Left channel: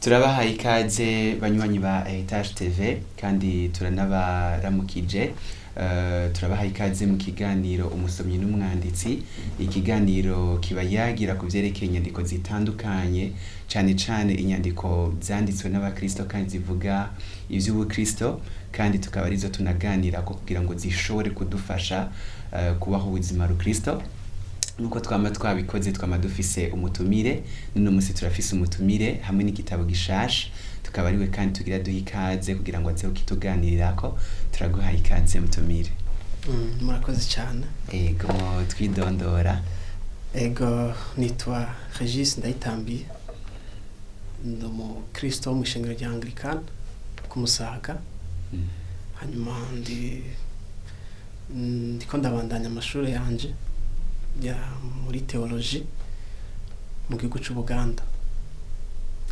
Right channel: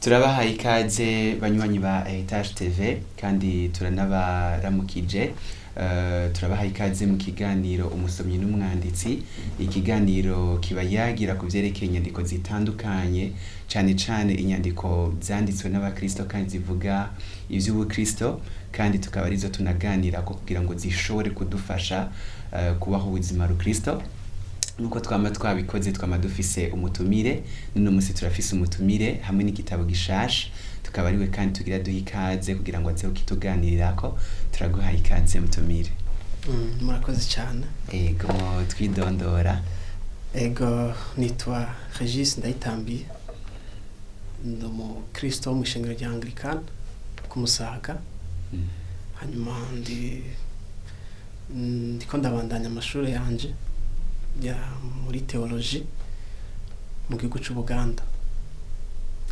Turabahaye ikaze banywanyi ba Heritage TV kandi turanabaramukije. Turabahaye ikaze mu kiganiro umusomyi n'umwanditsi. Ikiganiro kiba yagira ku vyerekeye inyandiko zitandukanye, cane cane inyandiko zanditswe n'abakristo kandi zivuga ivy'ubukristo, kandi tukaba arizo tunaganira ko kugira ngo zishobore kudufasha kubaho ubuzima rukristo. Nuko twama twabikoze twama dufise umutumire, none musi turafise umutumire hamwe n'igitabo gishasha, tukaba ariwe kandi tugira duha ikaze kugira ngo aze kukituganirirako. Turaguhaye ikaze mutumire. Murakoze cyane. Ego twidondora. Ego nitwa Regis Ndayitambiye, ndi umukristo wo mu ishengero rya Anglikani ku Musaga. Hanyuma ndiko ndabandanya amashuri yanje ya muri theology mu gihugu c'Ubuganda.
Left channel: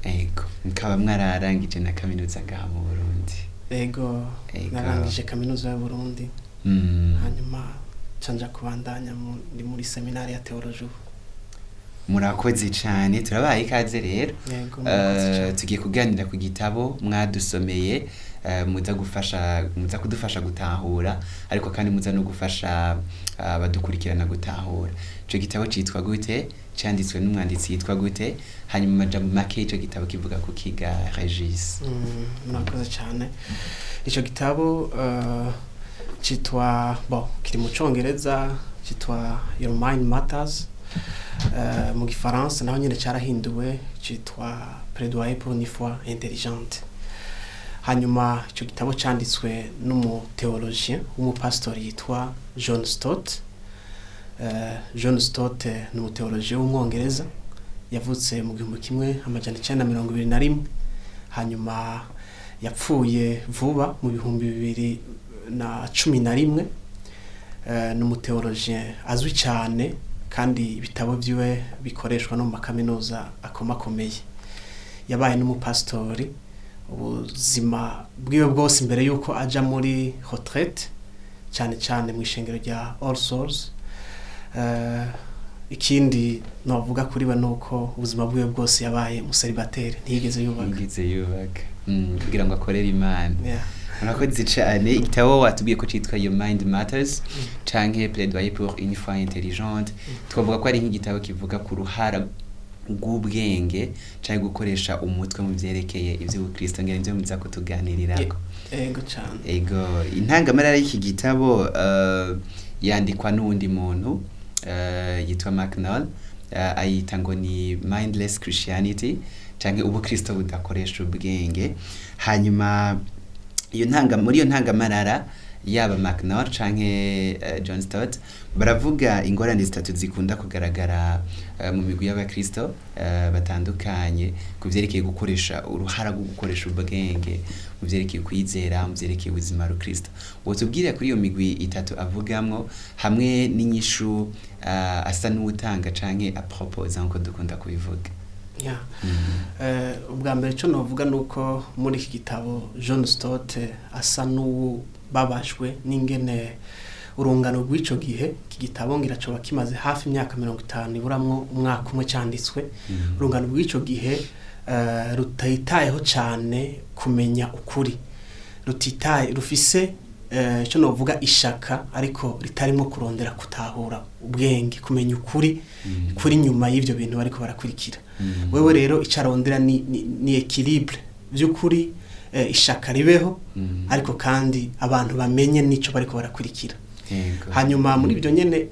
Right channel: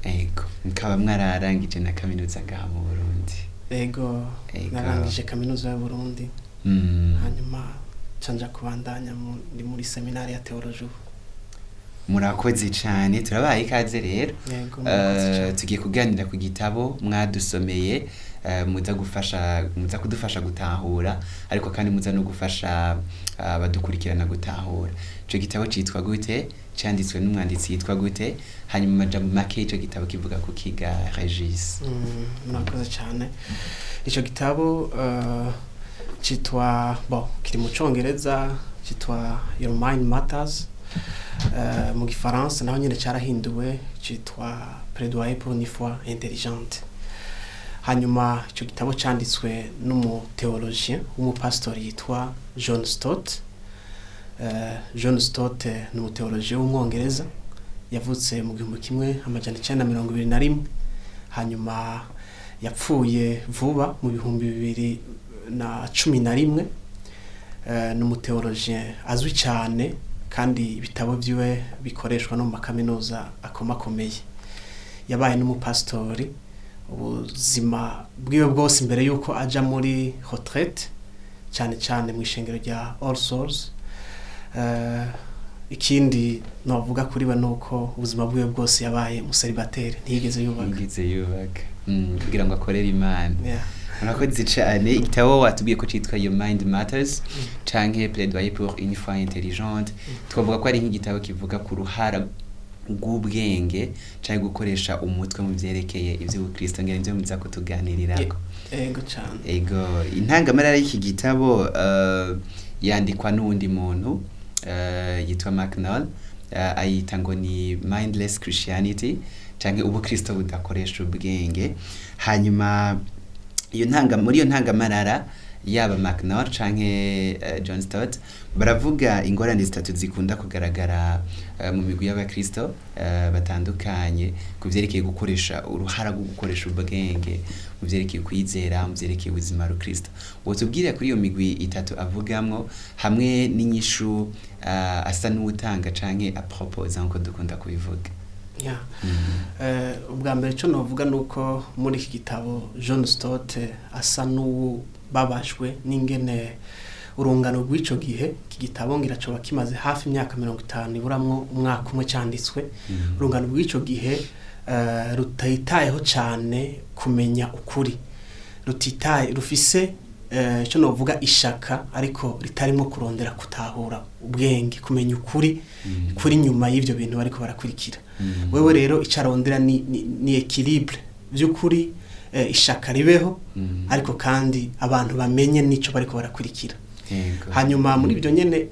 Ego mukaba mwararangije na kaminuza ngaha mu Burundi. Ego narangije kaminuza y'u Burundi. Hanyuma canja kubandanya muri seminari ya theology. Murakoze cyane, turabaye ikaze rero. Tugiye kuganira ku gitabo mwadusomeye, muza kudufasha gutahura, ariko kandi muza no gufasha badukurikirana gutahura. Ico gitabo citwa gute? Cyanditswe n'umwanditsi yitwa gute? Hanyuma majambo make ico gitabo kivuga ku kiga Regis. Murakoze cyane. Ico gitabo citwa kiri mu Congereza, citwa Your Mind Matters. Mu Gifaransa naho nyene carahinduwe citwa Plaidoyer pour une foi intelligente. Hanyuma ico gitabo canditswe n'umutheologien w'umupastori yitwa John Stott. John Stott ni umutheologien w'umwongereza, yavutse mu 1921. Hanyuma yapfuye vuba mu 2011. Ni umutheologien azwi cyane kandi ibitabo byiwe bikoreshwa no mu makaminuza akomakomeye. Yabaye n'umupastori ubuzima bwiwe bwose imbere yuko aja muri retraite, cyane mu ishengero rya All Souls. Ikindi novuga kuri we nuko ubuzima bwiwe bwose yabaye umuseribateri, ntiyigeze yubaka. Kugira ngo akorere Imana. Murakoze cyane. Igitabo watubwiye ko citwa Your Mind Matters canke Plaidoyer pour une foi intelligente. Twavuga ko ari nk'igitabo kivuga ku ruhara rw'ubwenge canke gukoresha umutwe mu vyerekeye ivy'ubukristo, ngene nivyo muza kutuganirirako. Ego cyane. Ego intangamarara y'iki gitabo yandikwa n'undi muntu yitwa McNall, ayita ngo ni Mindless Christianity canke ubukristo budakoresha ubwenge. Hanyuma muri iyo ntangamarara yaba McNall canke John Stott baravuga ingorane zitatu zikunda kugaragara mu migwi y'abakristo batandukanye ku vyerekeye gukoresha uruhara rwo gukoresha ubwenge mu vyerekeye kwizera, mu vyerekeye ubuzima rukristo. Wotubwira kuri iyo migwi itatu avugamwo hamwe n'inyishu asa n'utanga canke apropose nko dukunda kubivuga. Ubwa mbere cyo novuga nuko muri iki gitabo John Stott asa n'ubabajwe n'ingene urungano rw'ico gihe. Iki gitabo ngira coba kimaze hafi imyaka 50 iburamwo umwaka umwe cyanditswe. Urungano rw'ico gihe rutayitayeho cyane kumenya ukuri, rufise cyo novuga ishaka ariko ritarimo kurondera kutahura ubwenge, kumenya ukuri kuri nyuma y'ivyo bintu bariko barakurikira. Wewe rero icarondera ni equilibre by'ukuri, ishaka ribeho ariko kandi abantu bamenye nico bariko barakurikira. Hanyuma muri ibyo nyene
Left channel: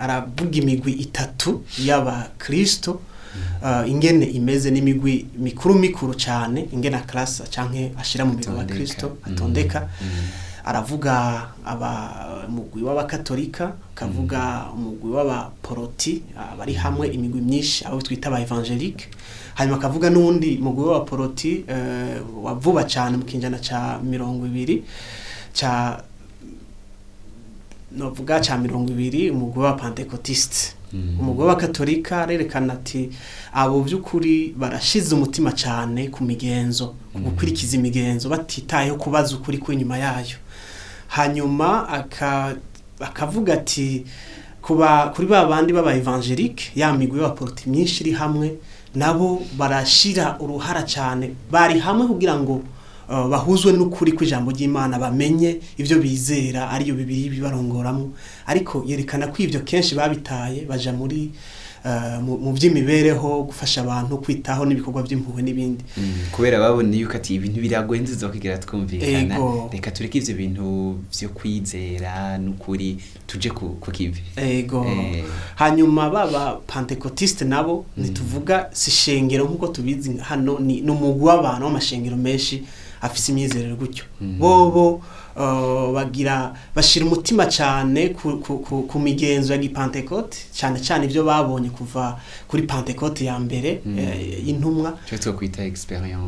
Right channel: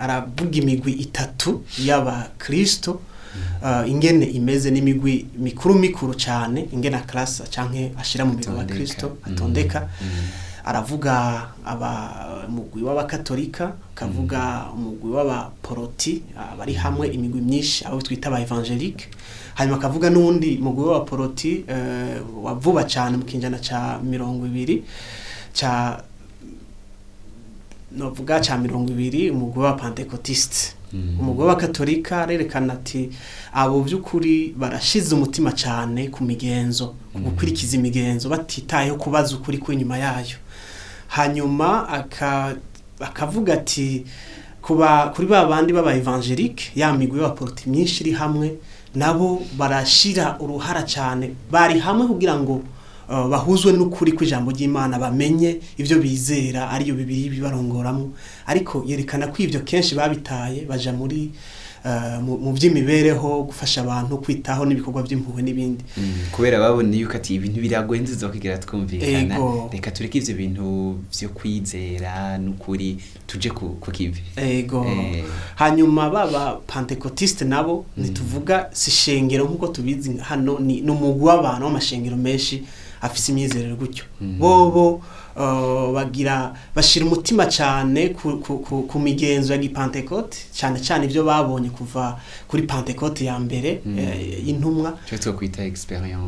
aravuga imigwi itatu y'abakristo, ingene imeze n'imigwi mikuru cyane, ingene class canke ashira mu migwi y'abakristo atondeka. Aravuga umugwi w'abakatolika, akavuga umugwi w'abaporoti bari hamwe, imigwi myinshi abo twita aba evangelique. Hanyuma akavuga n'undi mugwi w'abaporoti wavuba cyane mu kinjana ca 20 novuga ca 20, umugwi wa Pentecotiste. Umugwi w'abakatolika arerekana ati abo by'ukuri barashize umutima cyane ku migenzo, gukurikiza imigenzo batitayeho kubaza ukuri kuri nyuma yayo. Hanyuma akavuga ati kuri ba bandi baba evangelique, ya migwi y'abaporoti myinshi iri hamwe nabo barashira uruhara cyane bari hamwe kugira ngo bahuzwe n'ukuri kw'ijambo ry'Imana bamenye ivyo bizera ariyo bibiri bibarongoramo ariko yerekana ko ivyo kenshi babitaye baja muri mu by'imibereho gufasha abantu kwitaho n'ibikorwa by'impuhwe n'ibindi kubera babone yuko ati ibintu biragoye nzizo kigira twumvikana reka tureke ivyo bintu byo kwizera n'ukuri tuje ku kivi ego hanyuma baba Pentecotiste nabo nituvuga si shengero nkuko tubizi hano ni numugwi w'abantu w'amashengero menshi afise imyizerere gutyo bobo bagira bashira umutima cyane ku migenzo ya Pentecote cyane ivyo babonye kuva kuri Pentecote ya mbere y'intumwa cyo kwita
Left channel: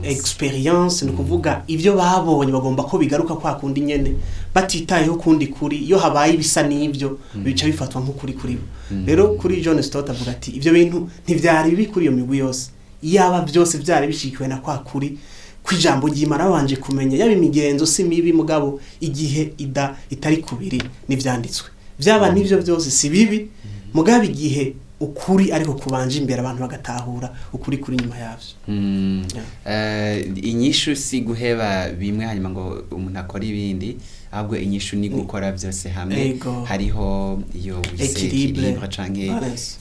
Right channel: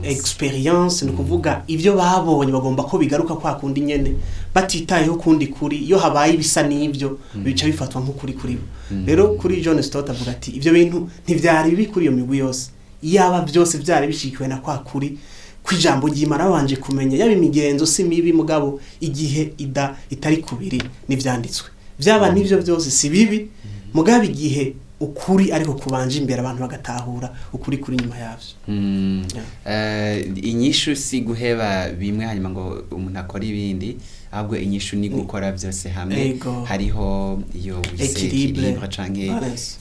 experience no kuvuga ivyo babonye bagomba ko bigaruka kwa kundi nyene batitayeho kundi kuri iyo habaye ibisa n'ivyo bica bifatwa nk'ukuri kuri rero kuri John Stott avuga ati ivyo bintu ntivyari bibi kuri iyo migwi yose yaba byose byari bishikiwe na kwa kuri kwijambo ry'Imana babanje kumenya yabi migenzo si mibi mugabo igihe itari kubiri nivyanditswe byaba nivyo byose si bibi mugabo igihe ukuri ariko kubanje imbere abantu bagatahura ukuri kuri nyuma yavyo inyishu si guheba bimwe hanyuma ngo umuntu akora ibindi ahubwo inyishu ni gukora byose hamwe hariho iyo equilibre canke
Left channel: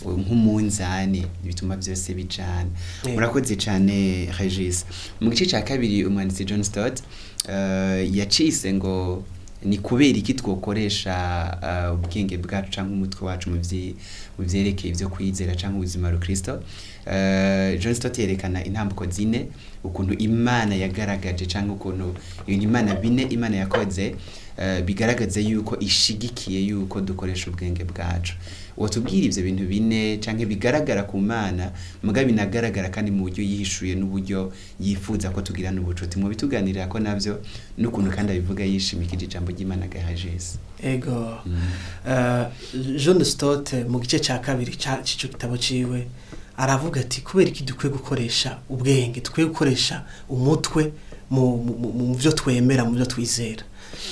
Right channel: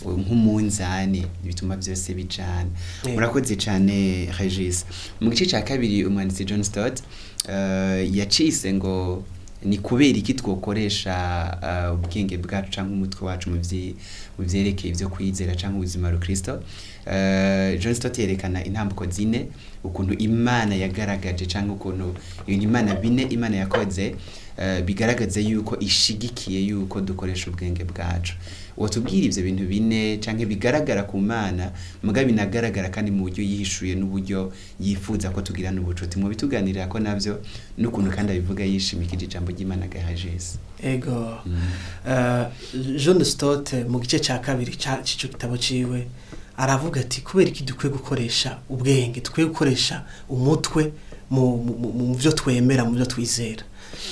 nk'umunzani bituma byose bijana murakoze cyane Regis mu gice cya kabiri umwanditsi John Stott yacise ngo ni kubera iki twokoresha ubwenge bwacu canke umutwe wacu mu byerekeye ivyo kwizera canke ubuzima bwa Kristo John Stott yerekana intambuko zine ukuntu Imana yagaragaje canke ukuntu ibintu Imana yakoze bigaragaza yuko ishigikiye yuko dukoresha ubwenge bwacu watubwira ivyo bintu bine canke bigaragara ku Mana mugabe binagaragara kandi mu buryo yihishuye n'uburyo yifuza ko tugira n'ubucuti mu bituganirira ko navyo n'ukuntu kandi abivuga yishimikije ijambo ry'Imana Regis ego John Stott mu gice cya kabiri c'ico gitabo ciwe aravuga ati kubera iki dukwiye gukoresha ubwenge dukwiye gukoresha umutwe mu byo twemera mu byo twizera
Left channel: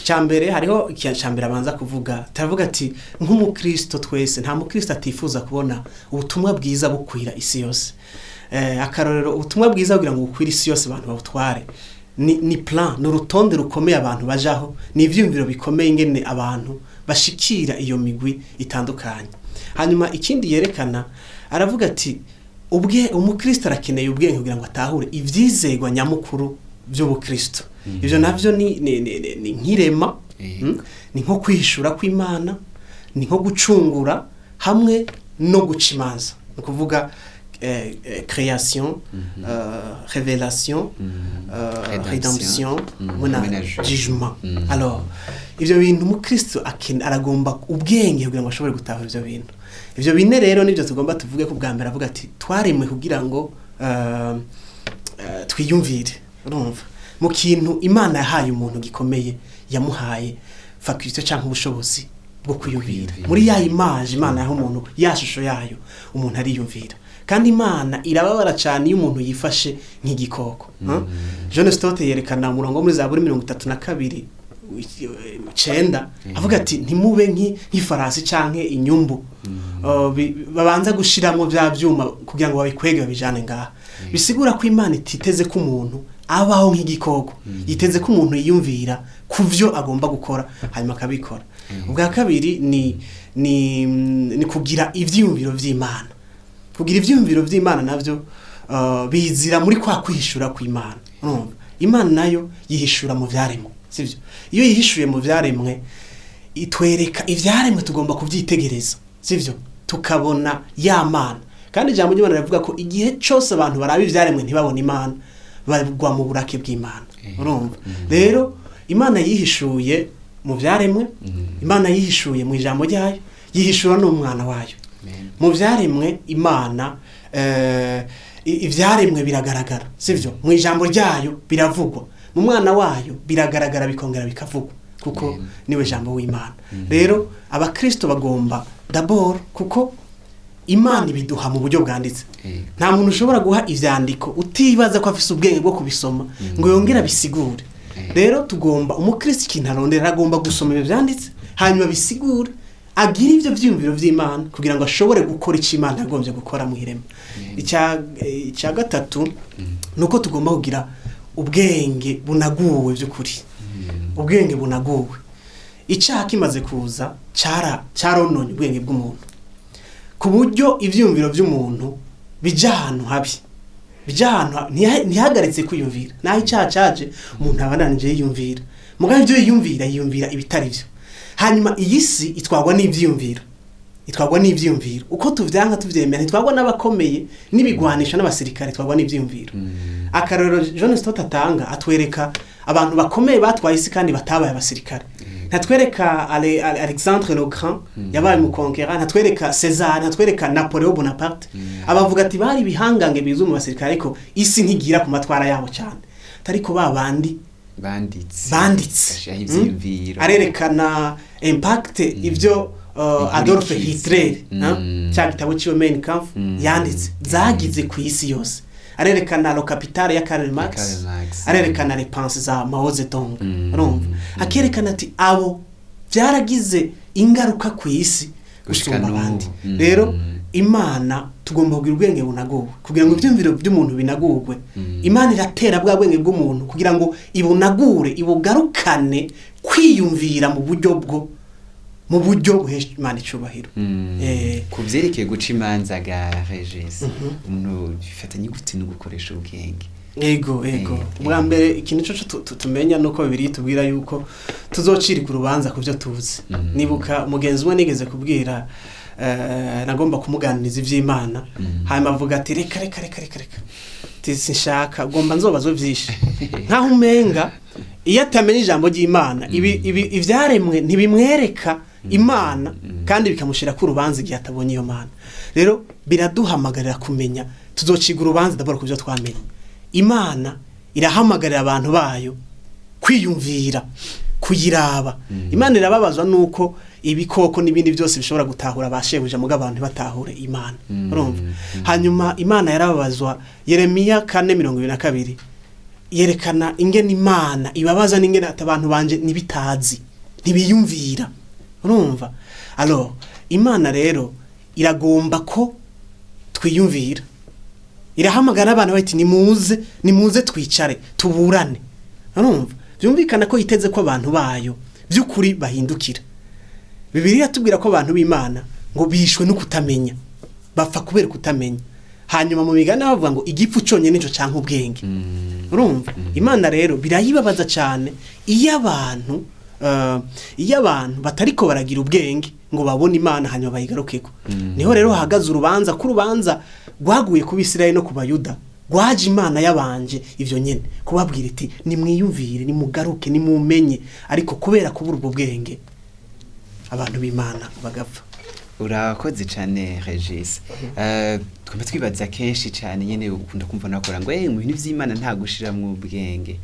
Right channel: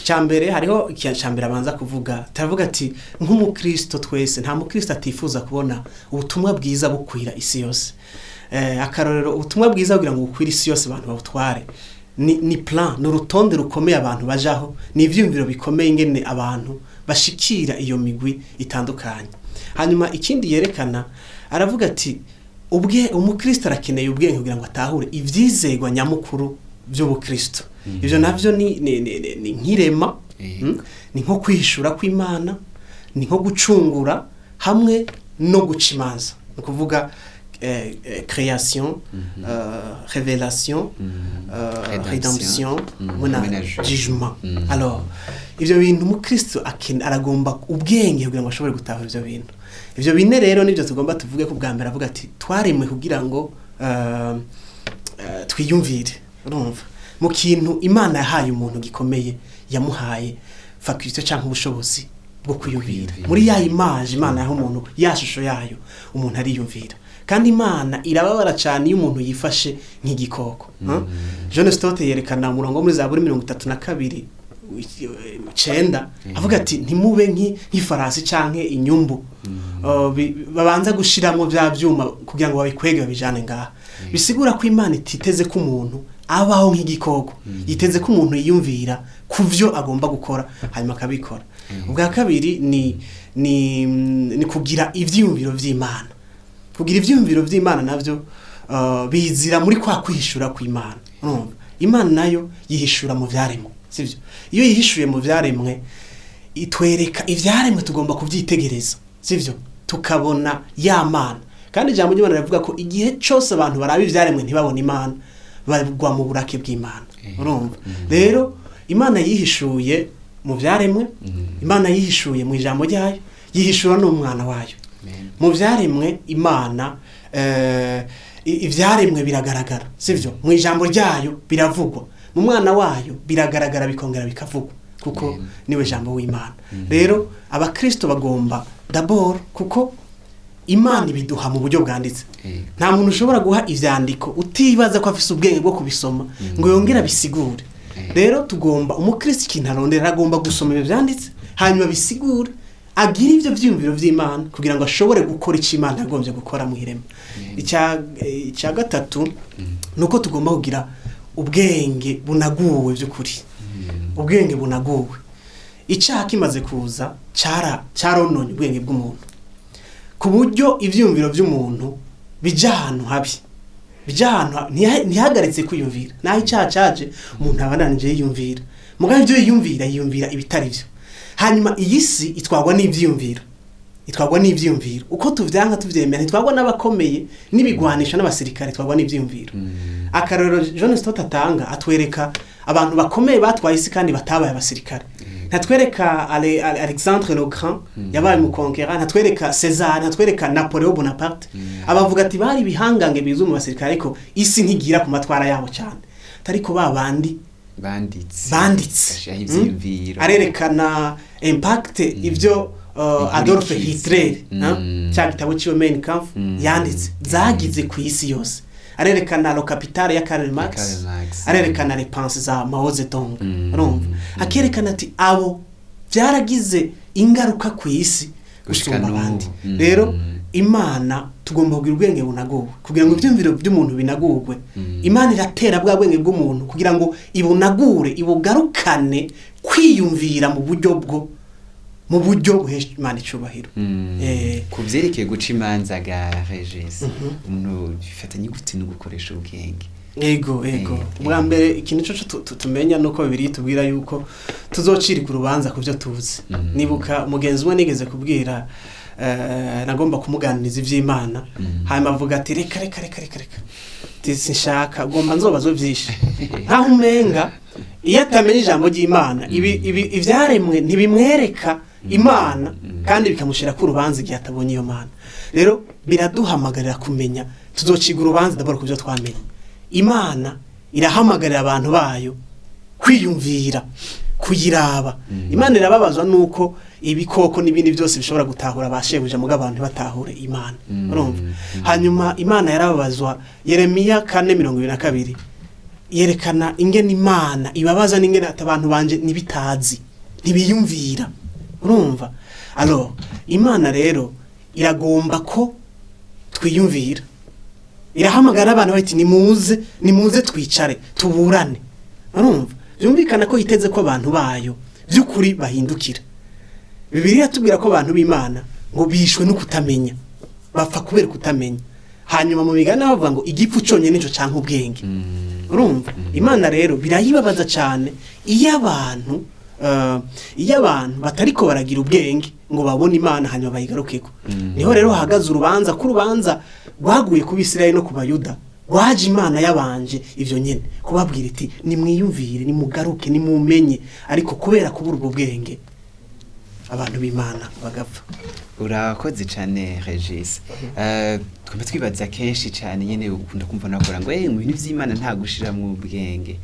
cyambere hariho cyambere abanza kuvuga tavuga ati nk'umukristo twese nta mukristo atifuza kubona ubutumwa bwiza bukwira isi yose akarorero ubutumwa bwiza kugira ngo bukwira isi yose abantu babutware ni plan n'urutonde rukomeye abantu bajaho ni ivyumviro bikomeye ingene abantu bashikira iyo migwi itandukanye hanyuma ikindi yerekana aravuga ati umukristo arakeneye ubwenge kugira ngo atahure ivyizegwa nyamukuru by'ubukristo ivyo navyo ni nkirema ni nko kwihishura kw'Imana ni nko gucungura hamwe no gucimaza no kuvuga création révélation rédemption jugement alors ivyo bintu umukristo aragomba ubwenge kugira ngo ashobore gutahura ivyo bintu ivyo bine rero nivyo tugomba tuvuge ko bwa mbere avuga ati twaremwe kugira ngo twiyumvire urumva mu kintu Imana yahaye umuntu gikomeye yamuhaye faculté canke ubushobozi bwo kwiyumvira muri ya image Imana yaha umuntu yashusho yayo umuntu ariyumvira kandi Imana irababara cyane iyo umuntu yifashe nk'igikoko John Stott yerekana umurongo muri Zaburi 32 9 avuga ati ntimube nk'ifarasi canke inyumbu babanza gushiramo bya byuma kugira ngo babikwege babijane ngaha bisigura ko Imana ititeze ko umuntu abaho nk'igikoko yiteze ko umuntu yiyumvira kuvyo agomba gukora hanyuma akabikora ubwa kabiri ni kugira ivyiyumviro vy'Imana kugira ivyiyumviro vy'Imana navyo bizira muri kwa kwihishura kw'Imana urumva Imana nayo yihishura mu vyaremwe sivyo iyo yihishuye mu vyaremwe itwereka ivyaremwe tugomba kuvyitegereza sivyo tukabona ya Mana kandi ijambo ry'Imana rivuga ko igihe cyose abantu barabi ivyaremwe ntibabona Imana bagwa mu burake bw'Imana urumva rero Imana yihishuye mu vyaremwe Imana yihishuye mu ijambo ryayo yihishura n'umwana wayo mu vyaremwe Imana ivyaremwe biragaragara sivyo mu ijambo ryayo biravugwa mu mwana wayo biragaragara bikongera bikavugwa kuko niwe jambo w'Imana rero abakristo bagomba d'abord kuko Imana ibiduha mu buryo bwanditse nta muntu ushobora guha ivyandiko utibaza ko afise ubwenge bwo kubisoma ngo yongera bisigure rero tugomba umukristo kintu arondera agomba gusoma ibyo byanditse hanyuma bisigure agira ivyo vyumviro vy'Imana kugira ngo ashobore gukora icyo Imana yagombye gukora mu irema. Icya gatatu nuko tugomba kugira ubwenge bunaguwe by'ukuri. Ubwenge bunaguwe. Icyaha kimaze kuza cyarononye ubwenge bw'umuntu. Ku buryo ivyumviro by'umuntu bija ahantu habi. Ntihagaritse kwiyumvira. Naho icyaha caje umuntu abananije yiyumvira. Mugabe ibyo yiyumvira ibitari byo. Hanyuma iyi si itwagwa n'ivyumviro. Uko tuvyanka tuvyemera ntitwagwa n'abakomeye n'ibigwanisha n'abasirikare twagwa n'ivyumviro. Akarero John Stott atanga atwereka abantu bakomeye batwaye isi kandi batabaye abasirikare. Ntatwereka Alexandre le Grand yabaye mu conquérant, ntatwereka César, ntatwereka Napoléon Bonaparte. Abavuga ati bari bihangange bizu mu basirikare ariko isi ntigira ku matwara yabo cyane. Tariko babandi banditse arerekana impact ivyo Adolf Hitler cya gitabo cyo Mein Kampf yanditse zagize ku isi yose. Arerekana Le Capital ya Karl Marx, arerekana Les Pensées za Mao Zedong. Urumva akerekana ati abo byaragize ingaruka ku isi gusumba abandi. Rero Imana tugomba kugira ubwenge bunaguwe kugira ngo ibyumviro by'umuntu binagurwe. Imana iratera bwa bwenge bw'umuntu kugira ngo ibunagure, ibugarukane kwiyumvira mu buryo buhesha Imana icubahiro. Kuvyerekeye guca imanza ga Regis, umuntu bifatanye gute no gukoresha ubwenge? Ego bwa mbere ikintu cyo tumenya nuko bibiri tubwira yuko tuzocira ku rubanza kuvyo tuzi. Nibuka mugenzi we nigeze kubwira nagomba kumuganiriza ivy'Imana, hanyuma avuga ati reka sinshaka gomba nzobazwe vyinshi nkaho umenga iyo atamenye ijambo ry'Imana ivyaremwe ntibimwereka Imana kandi bikamushira ku rubanza igihe atabonye iyo Mana. Rero biraduhamagarira kumenya tuzociga urubanza dabora kuvyo twamenye. Imana irahamagarira abantu bayo kwiyumvira, kuyiraba. Imana irababazwa nuko ibikoko n'ibindi byose bishobora gutahura abashebuje muga abantu batahure Imana. Urumva? Hanyuma Imana yarababazwa. Yeremiya 4:22 yerekana ingene Imana ibabaza n'ingene abantu banje nibitazi ntibiyumvira. Urumva? Alors Imana rero iragomba ko twiyumvira. Irahamagara abantu bati nimuze twicare tuburane. Urumva? Byumvikana ko yiteze ko abantu bayo by'ukuri bahindukira. Bibiliya tubwira ko abantu b'Imana ngo bishwe no kutamenya, bapfa kubera kutamenya. Hanyuma mu migani bavuga ngo igipfu conye nico canke ubwenge. Urumva? Imana rero birayibabaza cyane iyo abantu batariko baragira ubwenge ngo babone Imana hanyuma bayigarukeko. Niho rero hahagaze urubanza rwaguye ku Bisirayeli no ku Bayuda. Gwaje Imana yabanje ivyo nyene kubabwira iti nimwiyumvire, nimugaruke, nimumenye, ariko kubera kubura ubwo bwenge abantu b'Imana bagapfa. Urakoze cyane Regis. Twumva twibaza kenshi cyane nyene ukunda kumva nakora ngo mu bintu vy'Imana nta gushira mu bwenge.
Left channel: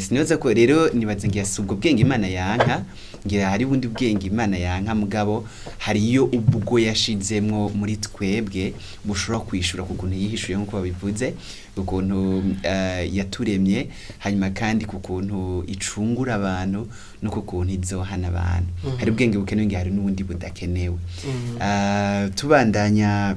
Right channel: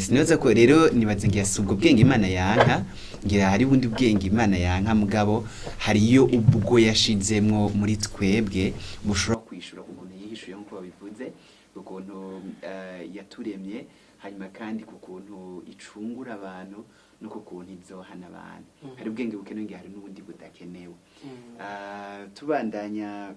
Sinoza ko rero nibaze ngiye subwo bwenge Imana yanka, ngira hari bundi bwenge Imana yanka mugabo hariyo ubwo yashizemwo muri twebwe bushobora kwishura kukuntu yihishuye nko babivuze, ukuntu yaturemye, hanyuma kandi kukuntu icungura abantu no kukuntu izohana abantu. Hari ubwenge bukenewe ngiye hari n'ubundi budakenewe. Tubandanya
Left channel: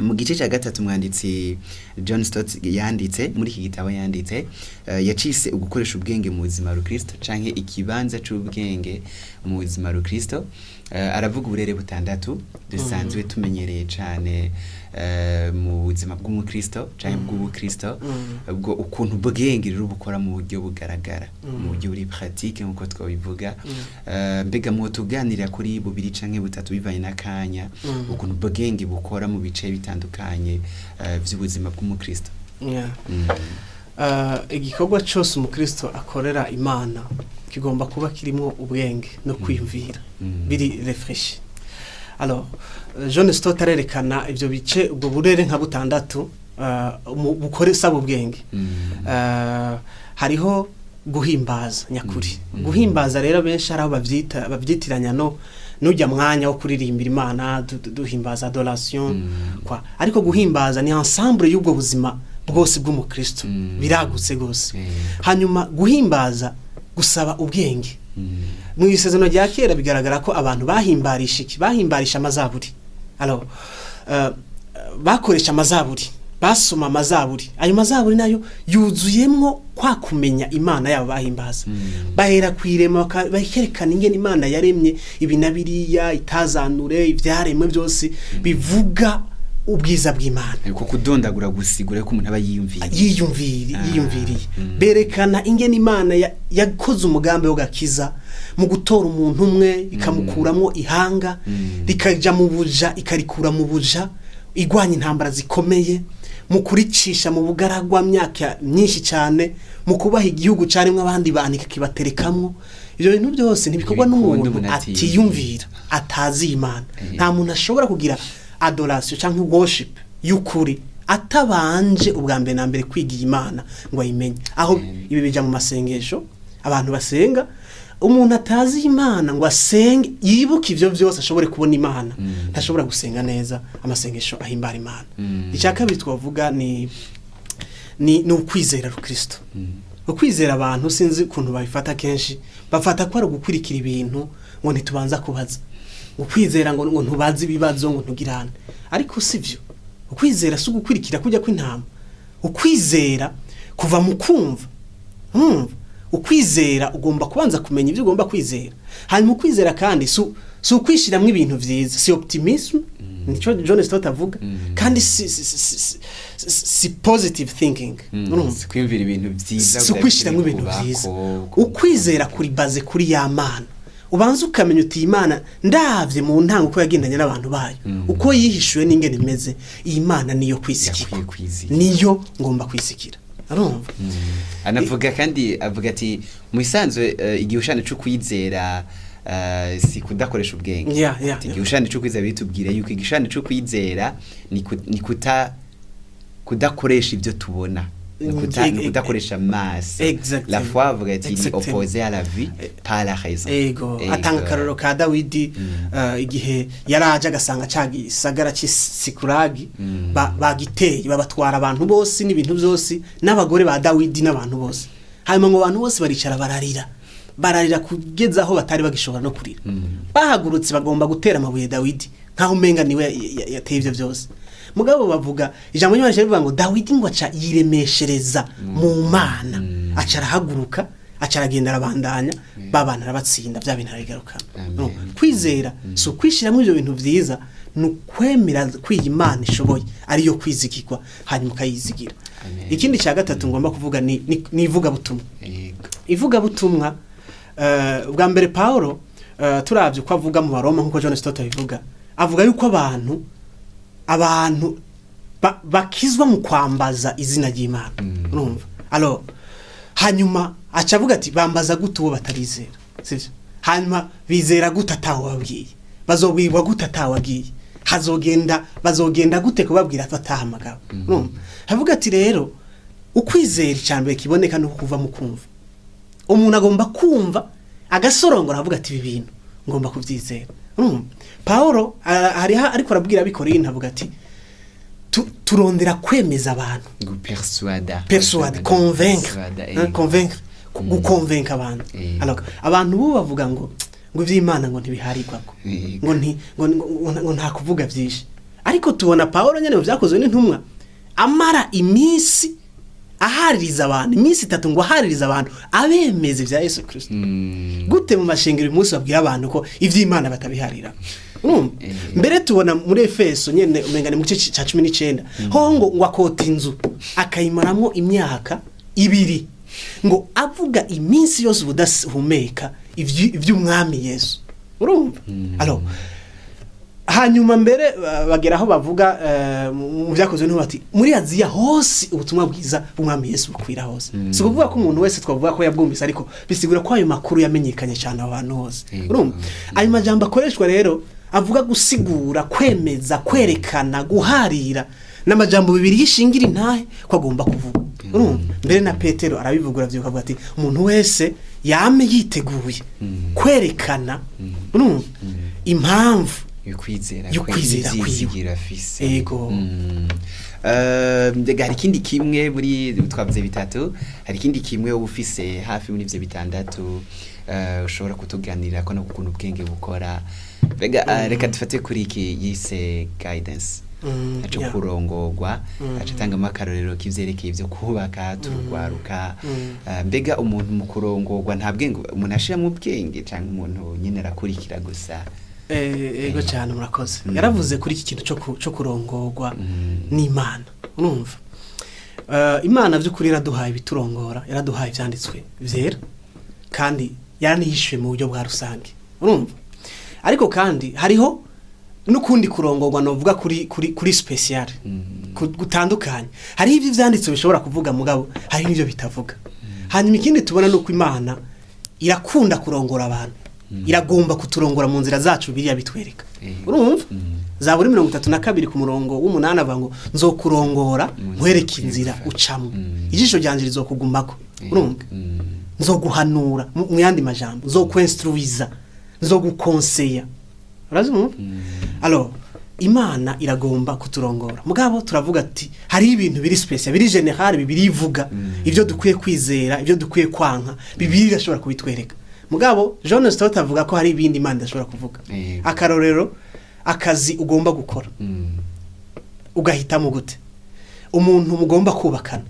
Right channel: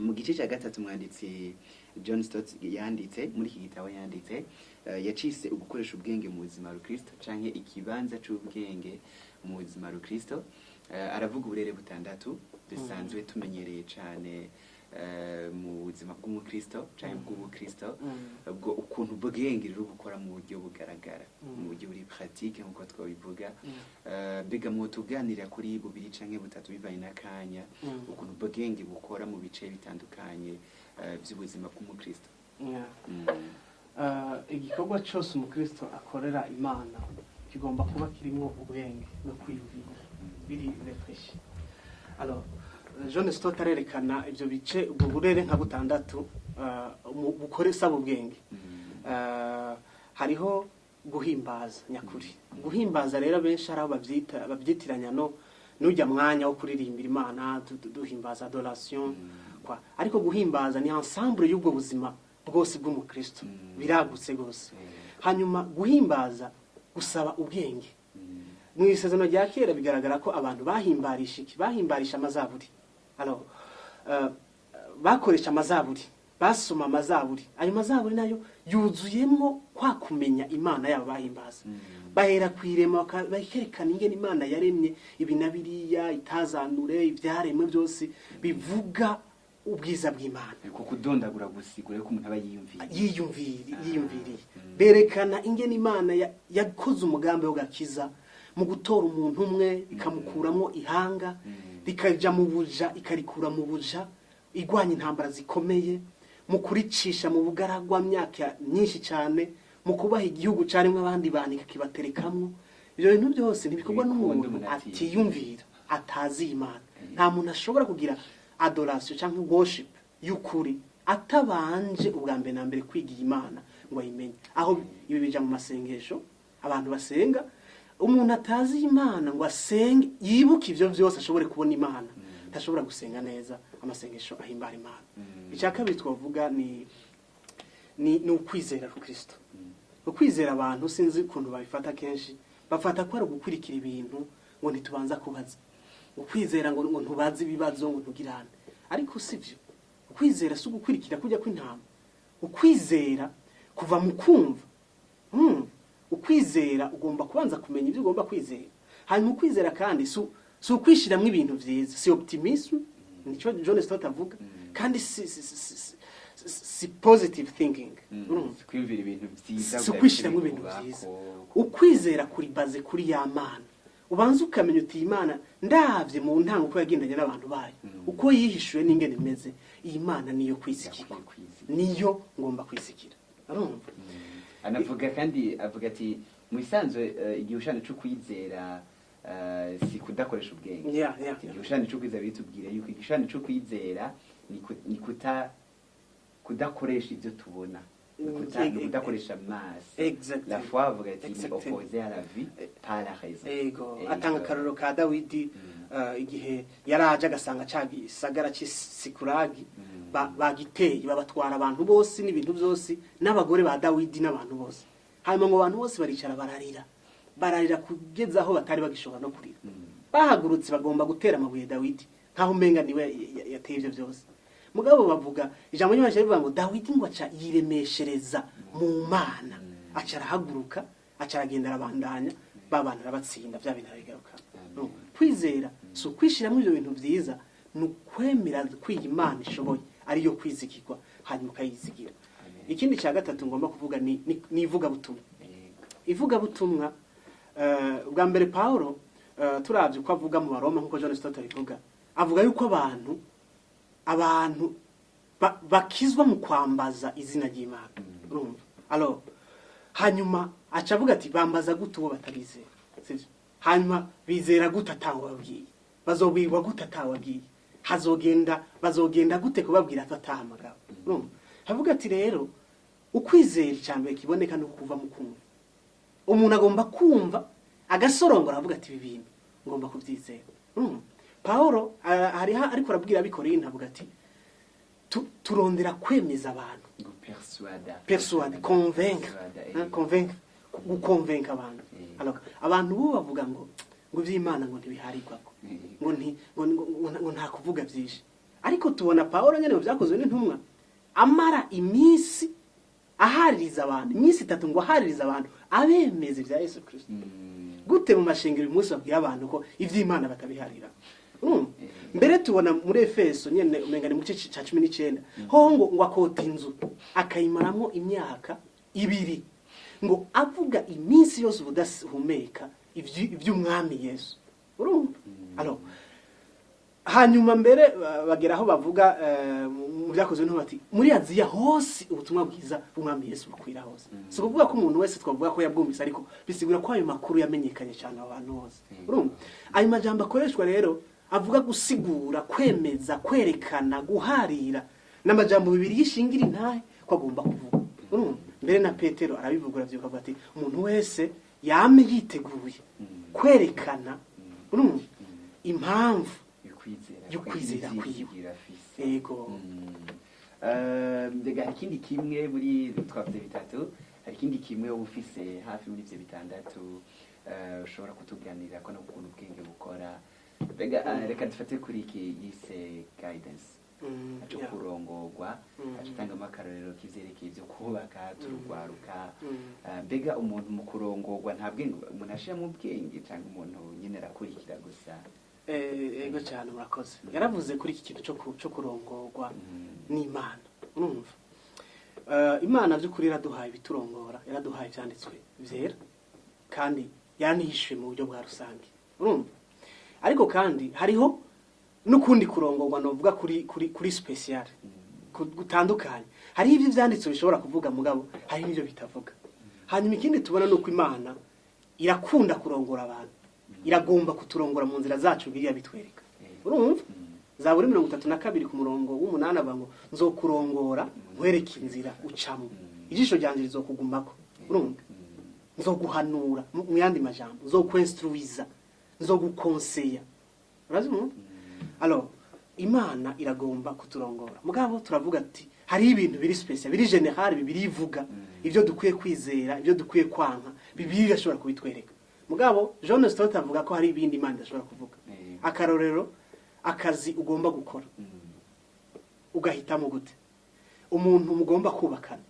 mu gice cya gatatu mwanditsi John Stott yanditse muri iki gitabo yanditse yacise ugukoresha ubwenge mu buzima rukristo canke ikibanza c'ubwenge mu buzima rukristo. Aravuga uburere butandatu dusanzwe tumenyereye cyane mu buzima bw'umukristo canke bw'ubukristo, ubwo ukuntu ubwenge rero bukora mu buryo bugaragara, mu buryo buri pratique nkuko twabivuga. Mbega mu tuganira kuri bubiri canke butatu bivanye n'akanya ukuntu ubwenge bukora mu bice bitandukanye by'ubuzima bw'umukristo. Igikorwa cyose umukristo akorera Imana kigomba kuba kirimo ubwenge no kwiyumvira biri refresh. Alors John Stott arerekana ivyo bice ubwo burere nka butandatu bukore sabo ubwenge. Hariho guhimbaza nyakuri. Guhimbaza rero benshi araho babyitiranya nujya mwanya wo kuririmbira Imana duhimbaza adoration kwa, ariko guhimbaza ni ensemble y'ubwo buzima bwose bw'umukristo biragutse gose. Hanyuma guhimbaza gusaba ubwenge. mu isezerano rya kera bigaragara ko abantu bahimbarisha amazaburi. Alors bakoresha amazaburi, basoma amazaburi. Ayo mazaburi nayo yuzuyemwo kwa kumenya Imana yabo bahimbaza. Bahera kwirema bakerekana ingene Imana yaremye ibinabiriya, itazanure, ivyaremwe byose bivuga ubwiza bw'Imana. Kuko kudondagura gusigura ko umuntu aba yiyumviriye. Berekana ingene Imana yakoze umugambi wo gakiza mu gutora umuntu umwe ikamukuramo ihanga, rikaja mu buja, ikarikura mu buja, igwanya intambara zikomeye, mu kuricisha mu bugaragwa myaka myinshi cyane, mu kubaha igihugu cyaremwe abandi bantu kibaterekamwo. Ibyo bintu byose ntibikorwa n'umuntu atiyumvira, atazi Imana. Nta muntu ashobora kugira adoration cyangwa worship y'ukuri atabanje ubwa mbere na mbere kwiga Imana ngo ayimenye. Aho ibi bija mu masengesho, abantu basenga, umuntu atazi Imana ngo asenge yibuke ivyo byose ashobore kubona Imana, ntashobora gusenga neza amasengesho ahimbara Imana. Icya kabiri twavuga ni ukwizera Kristo. Ukwizera abantu sinzi kuntu babifata kenshi, bafata ko ari gukurikira ibintu ngo ntitubanza kubaza. Ukwizera ngo ntubazi ibibazo ngo ntugirane, ariko sivyo. Ukwizera si ugukurikira kujya kw'intama. Ukwizera kuva mu kumva. Ukwizera ugomba kubanza kumenya ibyo ugomba kwizera. Hanyuma ukwizera kandi si ukwishyiramwo ibintu vyiza, si optimism, nico John Stott avuga, kandi si positive thinking. Kwimvira ibintu vyiza, si ukwishyiramwo ibintu vyiza. Ukwizera kuri baze kuri ya Mana. Ubanza ukamenya uti Imana ndavye mu ntango uko yagendanye n'abantu bayo, uko yihishuye n'ingene imeze, iyi Mana niyo kwisikira, niyo ngomba kwisikira. Arumva? Anavuga kandi avuga ati mu isanzwe igishushanyo cyo kwizera si kudakoresha ubwenge. Igishushanyo cyo kwizera bitubwira yuko igishushanyo cyo kwizera ni kudakoresha ibyo tubona, kudakoresha masse. La foi avuga ati ni opposé à la vie par la raison. Atanga karoro ka Dawidi igihe yaraje agasanga cagisagara cy'Sikuragi bagiteye babatwara abantu bose n'ibintu byose n'abagore ba Dawidi n'abantu bose. Hanyuma mu bantu bose baricara bararira kugeza aho batari bagishobora no kurira. Bahagurutse bagomba gutera amabuye Dawidi nkaho umenga niwe yateye ivyo byose. Mugabo bavuga ijambo ry'Imana rivuga ngo Dawidi ngo aca yiremeshereza mu Mana, aca arahaguruka, aca aragenda arabandanya, babana arabatsinda bya bintu arigarukana. Kwizera si ukwishyiramwo ibyo bintu vyiza, ni ukwemera kwiga Imana ishoboye ariyo kwizigirwa hanyuma ukayizigira. Ikindi cya gatatu ngomba kuvuga ni ivugabutumwa. Ivugabutumwa bwa mbere Paulo turavye ko avuga mu Baroma nkuko John Stott abivuga, avuga yuko abantu bakizwa mu kwambaza izina ry'Imana. Urumva? Alors hanyuma acavuga ati bambaza gute uwo batarizera, sivyo? Hanyuma bizera gute ataho babwiye, bazobwirwa gute ataho bagiye, bazogenda gute kubabwira atahamagara. Urumva? Havuga ati rero ukwizera cyambere kiboneka no kuva mu kumva. Umuntu agomba kumva agasorongora avuga ati ibi bintu ngomba kubyizera. Paulo ariko arabwira abikoreye avuga ati turondera kwemeza abantu, persuade, convaincre, gukonvenka abantu. Abantu bo bavuga ngo ivy'Imana ngo ntibiharigwako, ngo nta kuvuga byinshi. Ariko tubona Paulo nyene mu byakozwe n'intumwa amara iminsi ahaririza abantu, iminsi 3 ngo ahaririza abantu abemeze vya Yesu Kristo. Gute mu mashengero umunsi babwira abantu ko ivy'Imana batabiharira. Mbere tubona muri Efeso nyene umengane mu gice ca 19 ho ngo akota inzu akayimaramo imyaka 2 ngo avuga iminsi yose budahumeka ivy'umwami Yesu. Urumva? Alors hanyuma mbere bageraho bavuga mu byakozwe n'ubati muri Aziya hose ubutumwa bwiza bw'umwami Yesu bukwira hose. So kuvuga ko umuntu wese twavuga ko yabwumvise, ariko bisigura ko ayo makuru yamenyekanye cyane abantu hose. Urumva? Ayo majambo akoreshwa rero avuga gusigura, kwemeza, kwerekana, guharira n'amajambo bibiri yishingira intahe ko agomba kuvuga. Urumva? Mbere na Petero arabivugura byo kavuga ati umuntu wese yame yiteguye kwerekana urumva impamvu yukwizera kwizigira fise. Ego. mbega hari ikindi kimwe muri twavuze bitatu, hari ikindi kimwe uba ufise hafi muri ivyo bitandatu ushobora kutuganirira ko no kukuntu ubwenge bukora. Mbega reka dufate kuri iki yise guidance aco kurongorwa, aca atangamo akarorero k'ivyerekeye ivyo kubaka turwaruka. Mbega umuntu mu kurongorwa nta bwenge umuntu ashiramo ubwenge canke umuntu nyene arakurikira gusa? Ego cyane murakoze. Yaravuze kuri iki kintu cyo kurongorwa n'Imana. Urumva? Imana by'ukuri iraduhaye biturongora, yaraduhaye ivyanditswe vyera kandi yaraniyishuye mu buryo bwa rusange. Urumva? Ariko kandi hariho nukundi kurongorwa novuga kuri special gutandukanye. Hari ivyo vyanditswe bishobora kuvuga mugabo hari n'ivyo bitavuga. Hanyuma ikindi tubona nuko Imana irakunda kurongora abantu, iragomba kuturongora mu nzira zacu biriya bitwereka. Urumva? Zaburi 32 ku murongo w'8 avuga ngo nzokurongora nkwereke inzira ucamo, ijisho ryanje rizokugumako. Urumva? Nzoguhanura mu yandi majambo, nzokwenstruiza, nzogukonseya. Urazi? Alors Imana iragomba kuturongora. Mugabo turavuga ati hari ibintu biri special, biri general, bibiri ivuga ivyo dukwiye kwizera, ivyo dukwiye kwanka, bibiri irashobora kubitwereka. Mugabo John Stott avuga ko hari ibindi Imana idashobora kuvuga. Akarorero, akazi ugomba gukora, ugahitamo gute umuntu mugomba kubakana.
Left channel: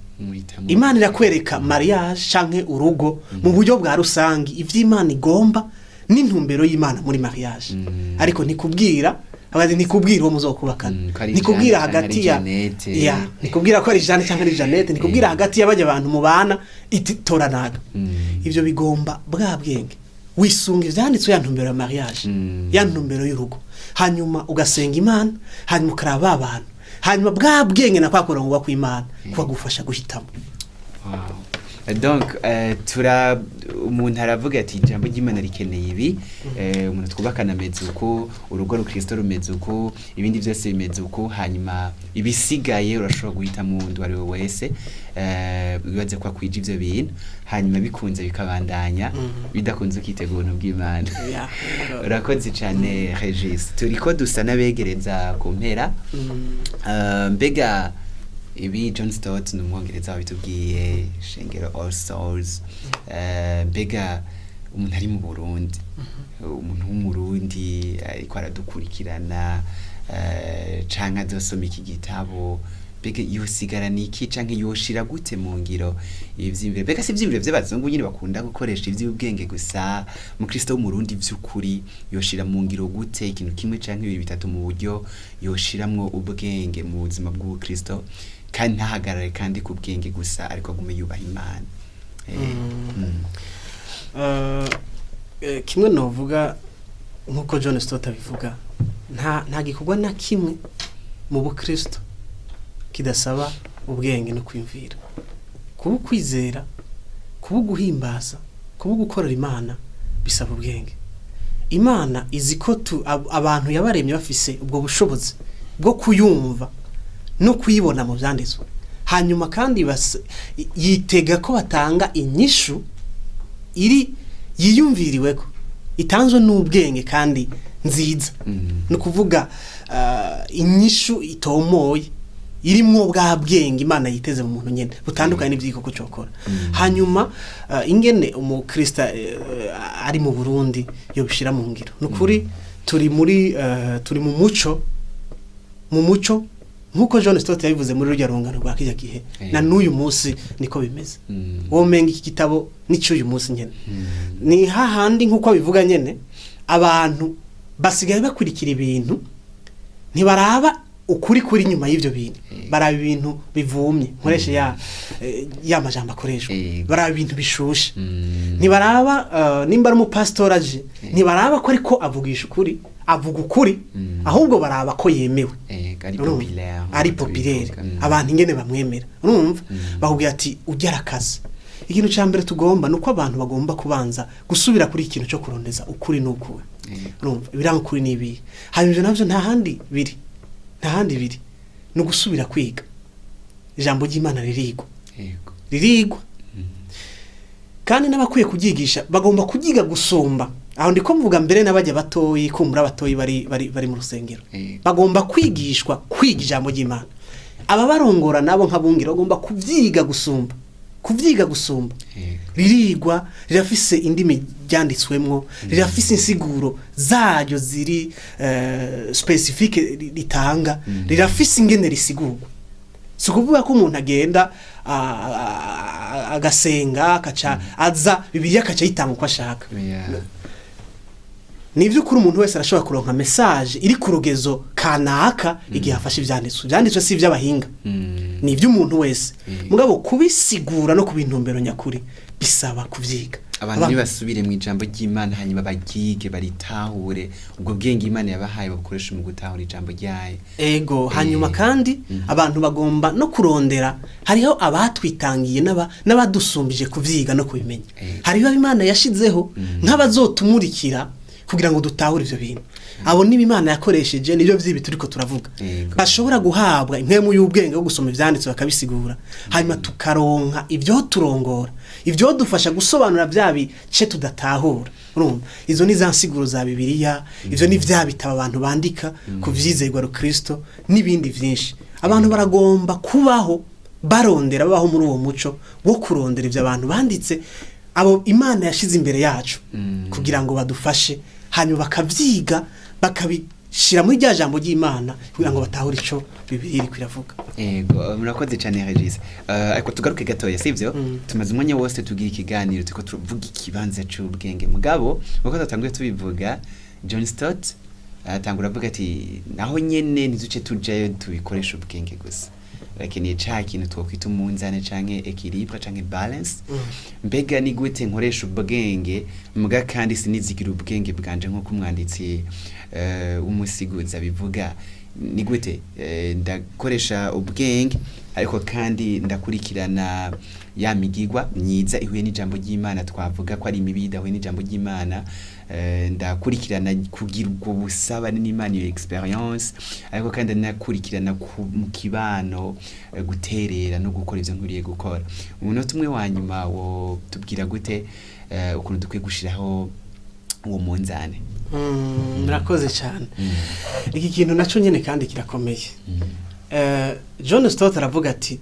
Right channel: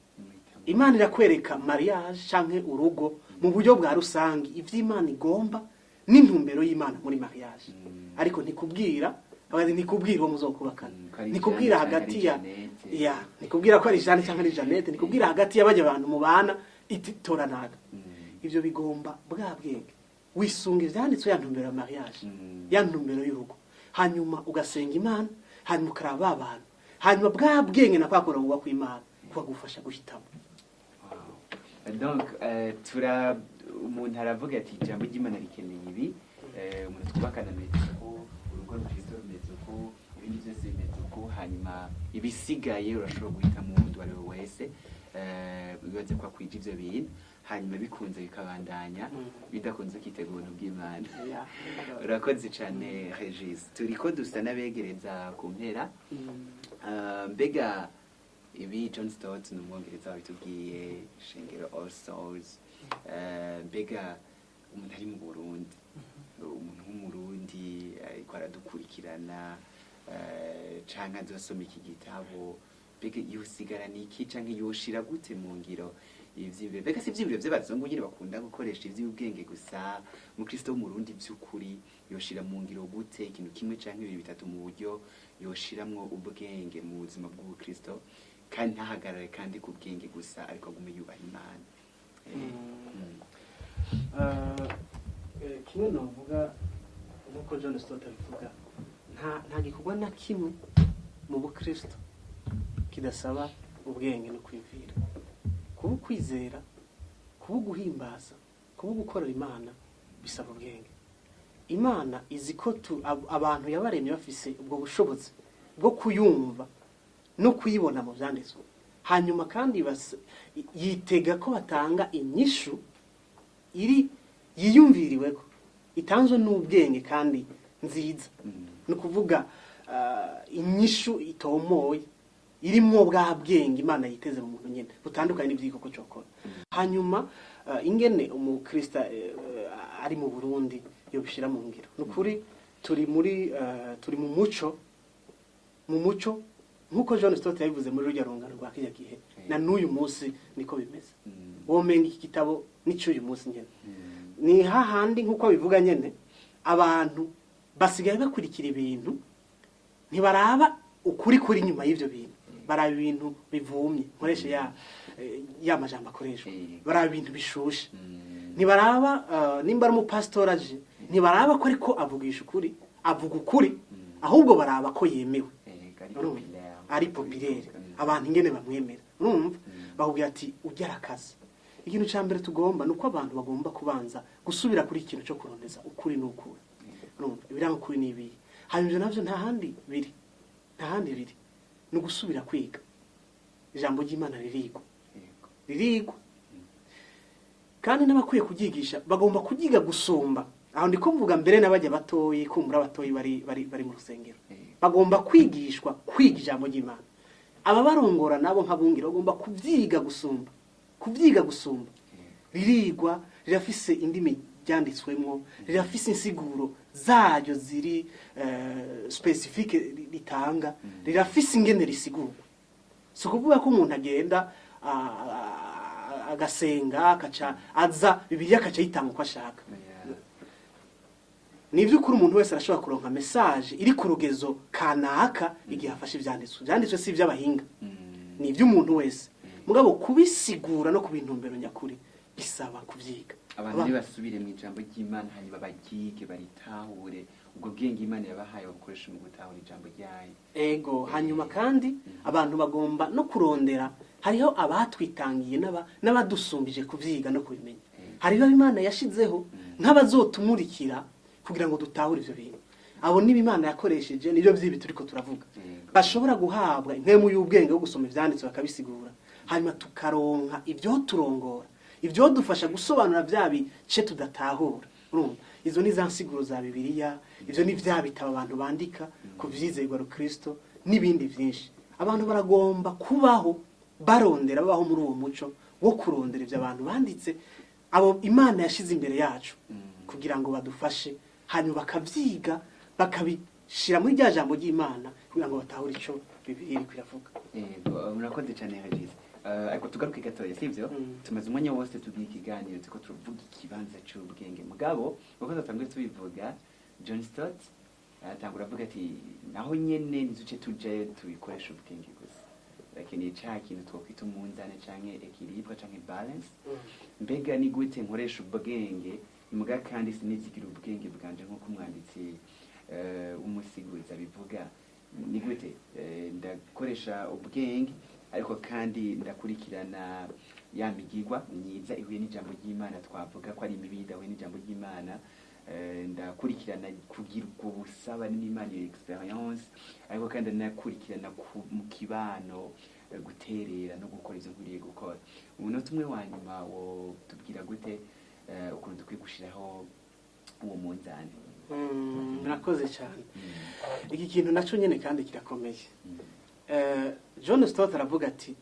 Imana irakwereka mariage canke urugo mu buryo bwa rusangi, ivy'Imana igomba n'intumbero y'Imana muri mariage. Ariko nikubwira uwo muzokubakana, nikubwira hagati ya nikubwira ko ari Jeanne cyangwa ari Jeannette, nikubwira hagati y'abanye abantu mubana ititoranaga. Ivyo bigomba bwa bwenge wisunga ivyanditswe ya ntumbero ya mariage, ya ntumbero y'urugo, hanyuma ugasenga Imana, hanyuma ukaraba abantu, hanyuma bwa bwenge nakwakorongwa ku Imana kwagufasha guhitamo. Donc umuntu aravuga ati ijambo ry'Imana rikeneye ibi, umuntu twubakana ameze uko, urugo rukristo rumeze uko, ibindi byose bimeze uko, hanyuma ibisigaye urashobora guhita mu wundi wari we wese bibaze kwa kwija ivyo bintu, hanyuma bikunze bikabandanya, bidakunze ukitegura n'ubw'Imana. Urakoze cyane Regis. Turiko dusa nabegereza ku mpera. Mbega ibi John Stott n'umwongereza bitubwiye shengero All Souls. Mbega umuntu ari mu Burundi, umuntu w'umurundi ariko aradukurikirana canke azosoma iki gitabo, mbega yosigara niki canke yoshira gute mu ngiro ivy'imvire? Mbega si ivy'imvire vy'abazungu nyine bakunda gukoresha ivy'ubwenge gusa, mu Kristo w'umurundi vy'ukuri yoshira mu ngiro gute ikintu kimwe canke ibiri bitatu mu buryo yoshiramwo ubwenge mu buzima bw'Ukristo, kandi ntahagarare kandi ku bwenge gusa ariko agume yubaha Imana? Kimwe novuga nkuko John Stott abivuga, nta gikorwa na kimwe mu Bukristo kidasaba ubwenge no kwimvira. Kuba kwizera, kuba guhimbaza, kuba gukorera Imana bisaba ubwenge. Imana izi ko abantu yabaremye bafise ubwo bushobozi bwo kuyumva no kuyibona mu byanditswe, hanyuma kandi yitega ko batanga inyishu iri yiyumviriweko, itanzwe n'ubwenge kandi nziza. No kuvuga inyishu itomoye irimwo bwa bwenge Imana yiteze mu muntu nyene butandukanye n'ivyiko ko cokora. Hanyuma ingene umukristo ari mu Burundi yo bishira mu ngiro. Nukuri turi mu muco nkuko John Stott yabivuze muri rujya rungano rwa kijya gihe, na n'uyu munsi niko bimeze. Womenga iki gitabo nico uyu munsi nyene ni hahandi nkuko bivuga nyene, abantu basigaye bakurikira ibintu ntibaraba ukuri kuri nyuma y'ivyo bintu, baraba ibintu bivumye, nkoreshe ya majambo akoreshwa, baraba ibintu bishushe, ntibaraba nimba ari umupastor aje, ntibaraba ko ariko avugisha ukuri, avuga ukuri, ahubwo baraba ko yemewe, ari populaire, abantu ingene bamwemera. Urumva? Bahubwira ati ujya arakaza. Ikintu cya mbere tugomba nuko abantu bagomba kubanza gusubira kuri ikintu cyo kurondeza ukuri n'ukuri. Urumva? Ibiranga ukuri nibi, hanyuma navyo nta handi biri no gusubira kwiga ijambo ry'Imana ririgwa kandi n'abakwiye kugigisha bagomba kugiga gusumba. Aho ndiko mvuga mbere n'abajya batoyi, kumbura batoyi bari mu rusengero bagomba kwigishwa kwiga ijambo ry'Imana. aba barongora nabo nk'abungira bagomba kubyiga gusumba ririgwa rirafise indimi byanditswemwo rirafise insiguro zaryo ziri specifique ritanga rirafise ingene risigurwa si ukuvuga ko umuntu agenda agasenga akaca aza bibiliya akaca yitanga uko ashaka ni iby'ukuri umuntu wese arashobora kuronka message iri ku rugezo kanaka igihe afashe ibyanditswe si iby'abahinga ni iby'umuntu wese mugabo kubisigura no kubintumbero nyakuri bisaba kuvyiga abantu nibasubire mu ijambo ry'Imana hanyuma bagige baritahure ubwo bwenge Imana yabahaye bakoresha mu gutahura ijambo ryayo ego hanyuma kandi abantu bagomba no kurondera hariho abatwitangiye n'abadusumbije kuvyiga no kubimenya hariho Imana yashizeho nk'abazotumurikira kugira ngo dutahure ivyo bintu abo niba Imana yakoresheje nibyo vyibi turiko turavuga bashobora guhabwa impemu y'ubwenge bwo gusoma ivyanditse bakabisigura hanyuma tukaronka ivyo turongora ivyo dufasha gusobanura bya bice tudatahura urumva izo ni za nsiguro za Bibiliya ivyo ni vya bitaba abantu bandika ku vyizerwa Kristo n'ibindi vyinshi abantu baragomba kubaho barondera babaho muri uwo muco wo kurondera ivyo abantu banditse abo Imana yashize imbere yacu kugira ngo badufashe hanyuma bakavyiga bakabishira muri rya jambo ry'Imana kugira ngo batahure ico Bibiliya iri kwiravuga. Yego murakoze cyane Regis. Ariko tugaruke gatoya sivyo tumaze umwanya wose tugira ikiganiro tuko tuvuga ikibanza cy'ubwenge mugabo uko tatanguye tubivuga John Stott atangura avuga ati naho nyene nizuce tujayo tubikoresha ubwenge gusa akeneye ca kintu twokwita umunzane canke equilibre canke balance mbega ni gute nkoresha ubwenge muga kandi sinizigira ubwenge bwanje nko kumwanditsi umusiguza bivuga ni gute ndakoresha ubwenge ariko kandi ndakurikirana ya migigwa myiza ihuye n'ijambo ry'Imana twavuga ko ari imibida ihuye n'ijambo ry'Imana ndakurikirana kugira ubwo busabane n'Imana iyo experience ariko kandi nakurikirana mu kibano guterera no gukora ivyo nkuriye gukora umunota umwe wanyuma wo tubwira gute ukuntu dukwiye gushiraho uwo munzane murakoze cyane iki kintu naco nyene kandi kirakomeye John Stott aravuga ati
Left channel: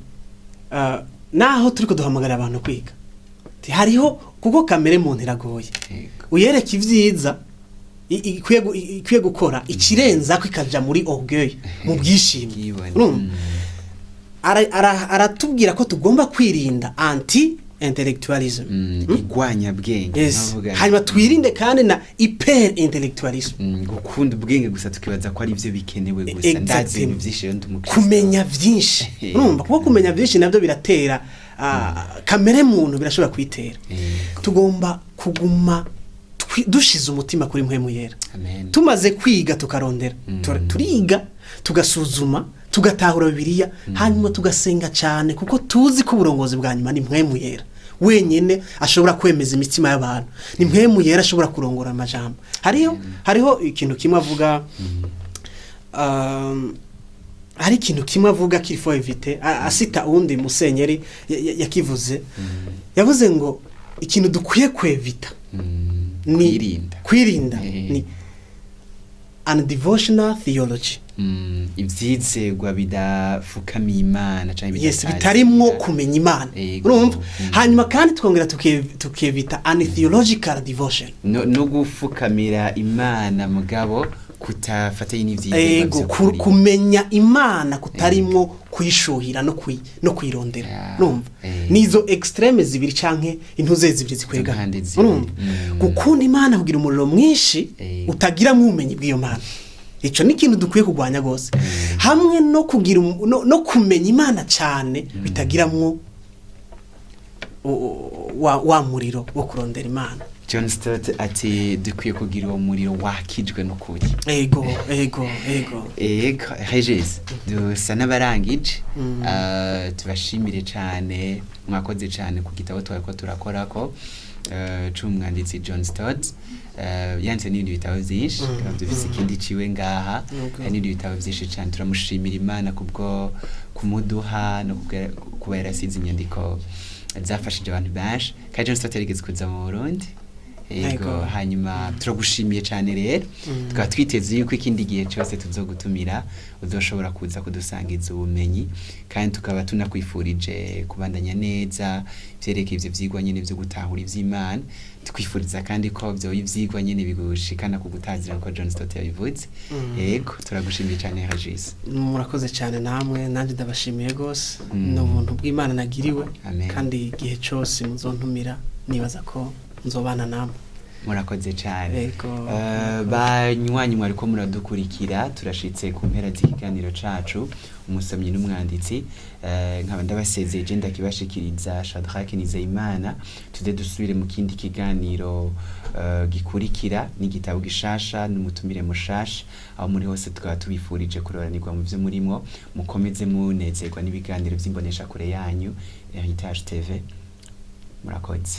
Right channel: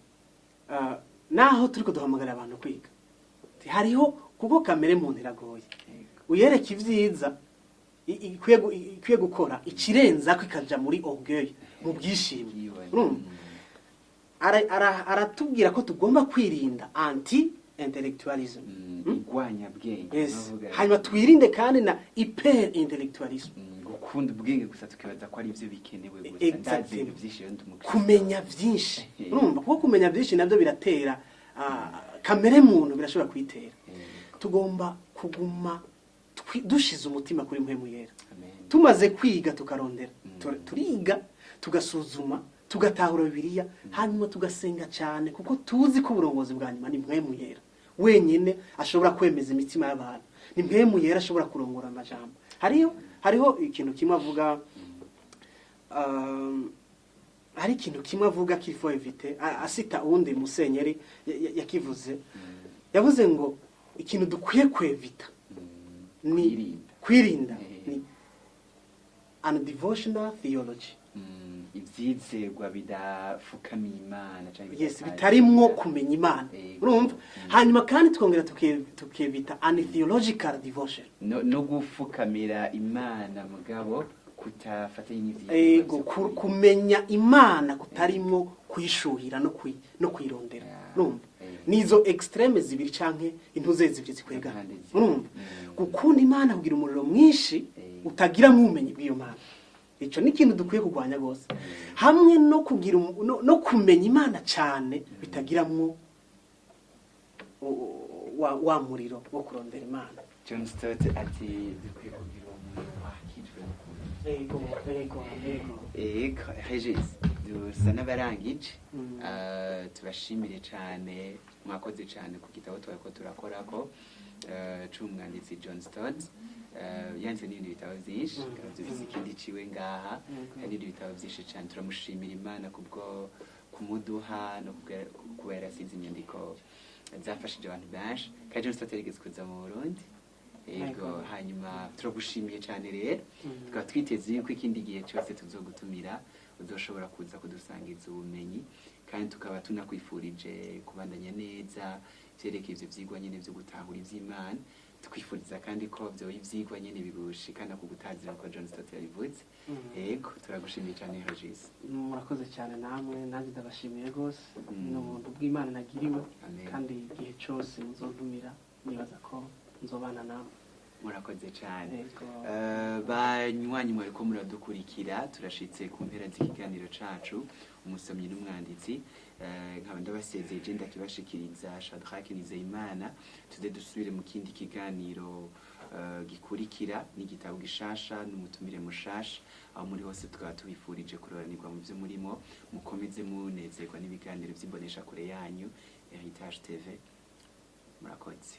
naho turiko duhamagara abantu kwiga hariho kuko kamere muntu iragoye uyereka ivyiza ikwiye gukora ikirenza kwikaja muri orgueil mu bwishimye aratubwira ko tugomba kwirinda anti intellectualism igwanya bwenge hanyuma twirinde kandi na hyper intellectualism gukunda ubwenge gusa tukibaza ko ari byo bikenewe gusa ndazi byinshi kumenya byinshi urumva kuko kumenya byinshi nabyo biratera kamere muntu birashobora kwitera tugomba kuguma dushize umutima kuri mpemu yera tumaze kwiga tukarondera turiga tugasuzuma tugatahura Bibiliya hanyuma tugasenga cyane kuko tuzi ko uburongozi bwa nyuma ni mpemu yera wenyene ashobora kwemeza imitima y'abantu ni mpemu yera ashobora kurongora amajambo hariho ikintu kimwe avuga hari ikintu kimwe avuga kirifo evite asita undi musenyeri yakivuze yavuze ngo ikintu dukwiye kwevita ni kwirinda ni undevotional theology ivyizegwa bidafukamiye Imana canke bitarimwo kumenya Imana urumva hanyuma kandi twongera tukevita untheological devotion no gufukamira Imana mugabo kutafatanye n'ivyizegwa kumenya Imana kutarimwo kwishuhira no kwirondera urumva nizo extreme zibiri canke intuze zibiri zikwega gukunda Imana kugira umuriro mwinshi utagira mwumenyi bw'iyo Mana ico ni kintu dukwiye kugwanya gose hamwe no kugira no kumenya Imana cyane bitagiramwo wa muriro wo kurondera Imana. John Stott ati dukwiye kugira uwo muriro wakijwe no kuri ego Regis dusa n'abarangije tubashimire cyane mwakoze cyane ku gitabo twako turakorako c'umwanditsi John Stott yanditse n'ibindi bitabo byinshi dufise ikindi ciwe ngaha n'ibindi bitabo byinshi cyane turamushimira Imana kubwo kumuduha no kuba yarasize inyandiko zafashije abantu benshi kandi John Stott yarigeze kuza mu Burundi Ego hanyuma turagushimiye cyane rero tukaba twiteze yuko ikindi gihe cyose tuzogutumira uzoshobora kuza kudusangiza ubumenyi kandi tukaba tunakwifurije kubandanya neza vyerekeye ivyo vyigwa nyene vyo gutahura ivy'Imana twifuriza kandi ko vyo ivyigwa nyene bigushikana ku gutazira ko John Stott yabivuze. Ego turagushimiye cyane Regis. Murakoze cyane namwe nanje ndabashimiye gose n'ubuntu bw'Imana nagiriwe kandi igihe cyose muzontumira nibaza ko nzobana namwe. Murakoze cyane. Banywanyi mwariko muradukurikira turashitse ku mpera z'ikiganiro cacu umusomyi n'umwanditsi nkaba ndabasezeje ndakibashikiriza Shadrack Nizeyimana tuze dusubire mu kindi kiganiro gikurikira n'igitabo gishasha n'umutumire mushasha aho muri hose tukaba tubifurije kuroranirwa mu byo murimo mukomeze munezerwa n'ibiganiro by'imbonesha kure yanyu Heritage TV. Murakoze.